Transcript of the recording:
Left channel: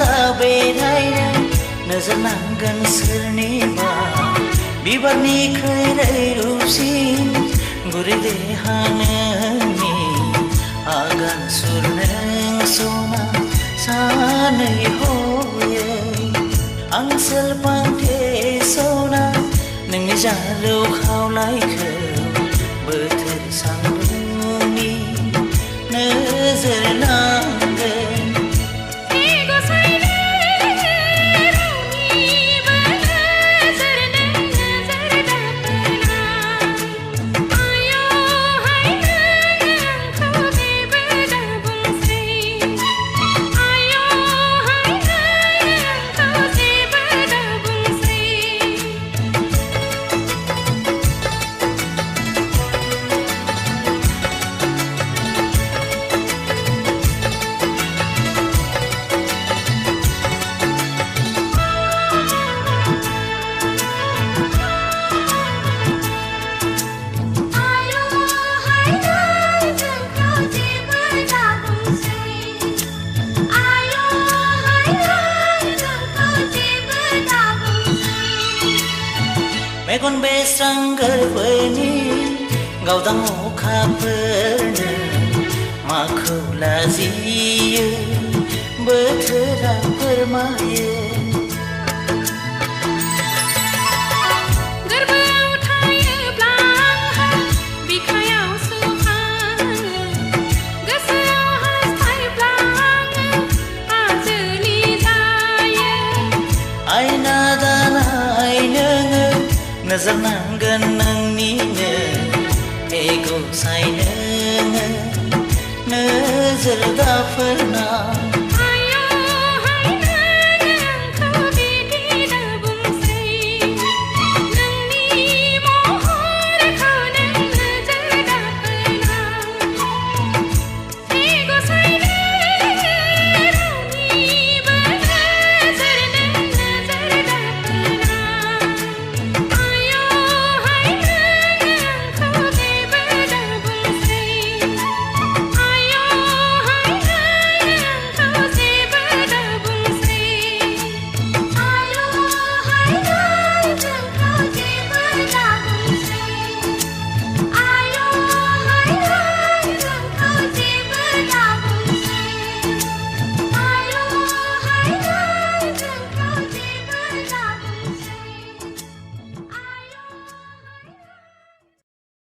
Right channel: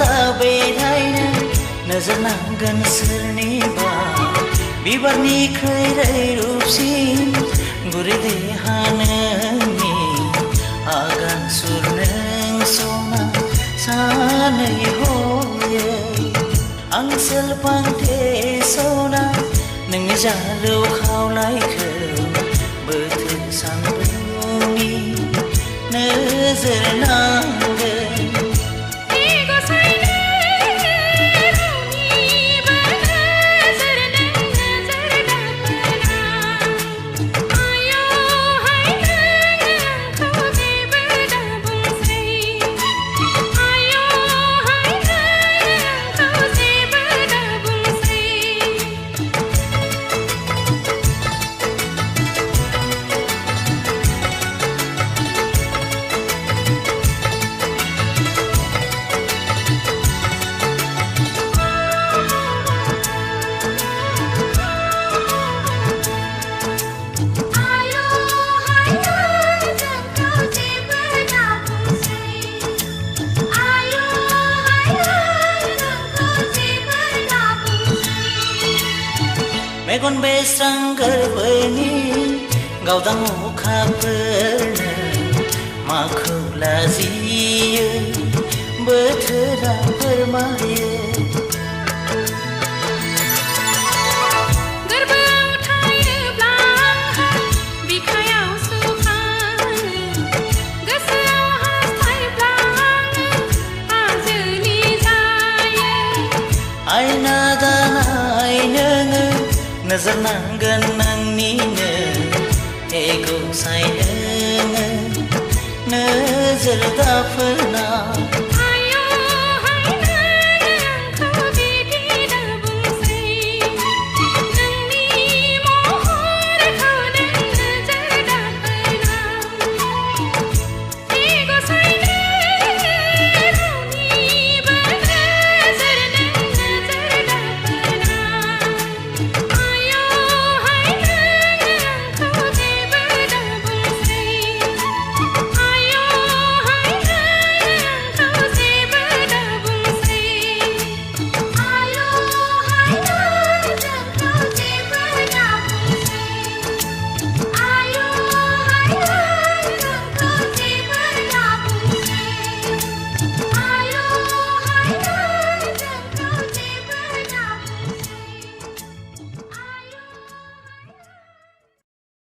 दा बेरायनो नोजोर नांगोन सोरनिबा बिबारनिख्रुइ रैरुबसिन गुरै देहा नोंनि आगान सुर नों सना सानै हयै आं सेलफांथे सना नोंनि जारौ खावलायखौ बोथोर सान्दुंनि नोजोर नांगोन मेगन बेस्रां गोरबोनि गावदां अखाफोरनो माखौ लाजियो बोथोरा फोरमायो गोरबोआव थायोब्ला आंहा बिखायाव सुखाङो गोसोआव हास्थायब्ला आङो आजोलि जायो आयना दानाय नोङो नोजोर नांगोन नोंनिनो हे गसाइ नोङो नोजोर दाफोरना